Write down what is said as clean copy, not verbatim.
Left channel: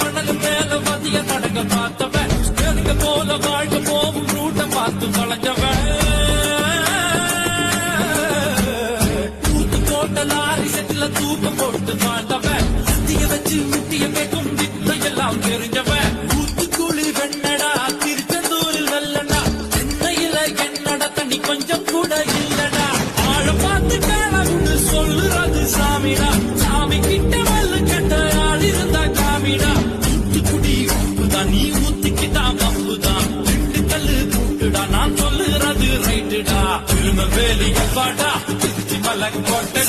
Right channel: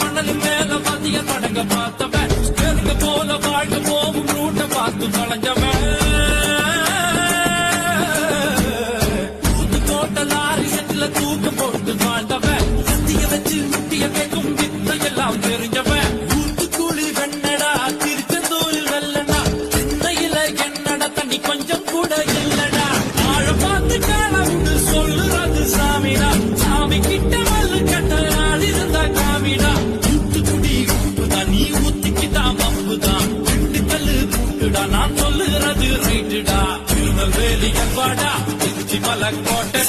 மணல் மேல வதிய படங்க பார்த்தவன் பெருங்க போல வாழ்க்கை போகும் ரூட்ட பார்த்து வளைஞ்சவன் தூத்து போட்ட லாரி செட்டில தூக்கம் போட்டு வாழ்ந்தவன் சத்திய வச்சு முட்டிய பேக்கும் வித்தையெல்லாம் தெரிஞ்சவன் ஊத்துக்குழி வெண்ணடா திருச்செந்தூரில் வெள்ளடா சென்னையில என்னடா தண்ணி கொஞ்சம் கூட இல்லடா ஆழ பார்த்து காலவுன்னு சொல்லுறது சாமிடா சாமி கிட்ட மல்லு கட்ட ஆள் இருந்தா காமிடா ஊத்துக்குடி உப்புதான் நீ ஊத்திக்கிட்டா பம்புதான் ரெண்டு கல்லு கூட்டுடா நான் சொல்லுறது ரைட்டுடா திரும்ப வேலி எவ்வாடா திருச்சி மலை கோட்டை